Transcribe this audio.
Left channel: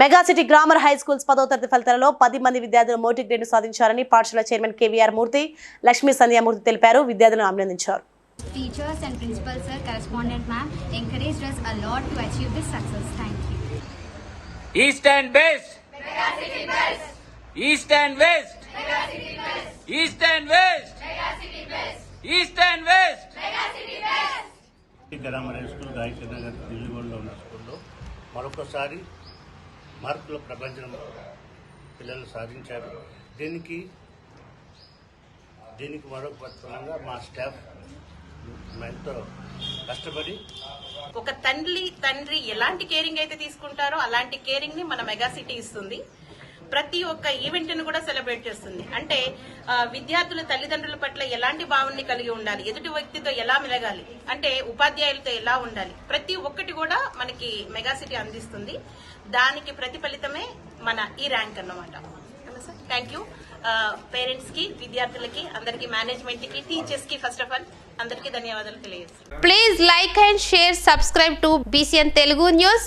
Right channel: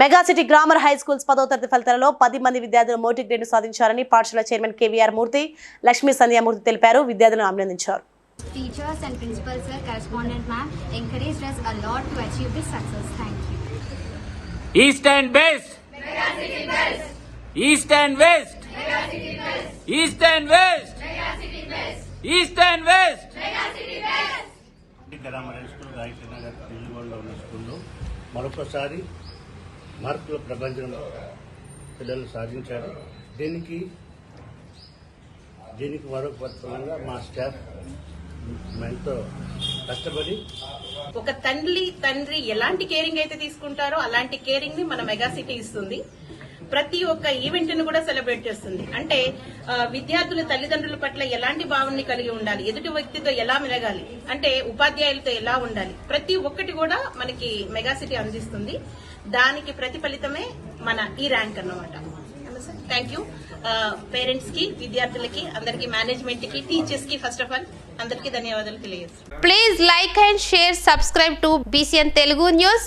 Megacity grammar high schools పదో తరగతి ఫలితాలలో పది మంది విద్యార్థులు మోటీ గ్రేడ్ సాధించారని పాఠశాల చైర్మన్ కేవీఆర్ మూర్తి లక్ష్మీ సంధ్యామూర్తి తెలిపారు. విద్యార్థులను అభినందించారు. మరొకసారి మార్కుల ప్రపంచంలో పిల్లలు సాధించారు. దీనికి దీనికి మరొక పరిశ్రమంగా మా స్టాఫ్ ఎంతో కష్టపడి ఒక తండ్రి తండ్రి ఎలాంటి కేరింగ్ అయితే తీసుకుంటారో అలాంటి కేరింగ్ని మన మెగా సిటీ ఇస్తుంది. ప్రతి ఒక్క ఈవెంట్ను కూడా సెలబ్రేట్ చేస్తుంది. అంటే విద్యార్థుల తల్లిదండ్రుల పట్ల ఎలాంటి భావాన్ని కలిగి ఉండాలి? ఎదుటి వ్యక్తితో ఎలా మెలగాలి? అంటే ఉపాధ్యాయులతో ఎలా ఉండాలి? ప్రతి ఒక్కటి కూడా మనకి మెగాసిటీ అందిస్తుంది. దానికి ప్రతిఫలితమే మన ఈ ర్యాంక్ అన్నమాట. థ్యాంక్ యూ పేరెంట్స్కి విద్యార్థులకి అందరికి మేనేజ్మెంట్కి టీచర్స్కి ఫస్ట్ ఆఫ్ ఆల్ అందరికీ ధన్యవాదాలు తెలియజేస్తాను please like and share subscribe to BCN Telugu news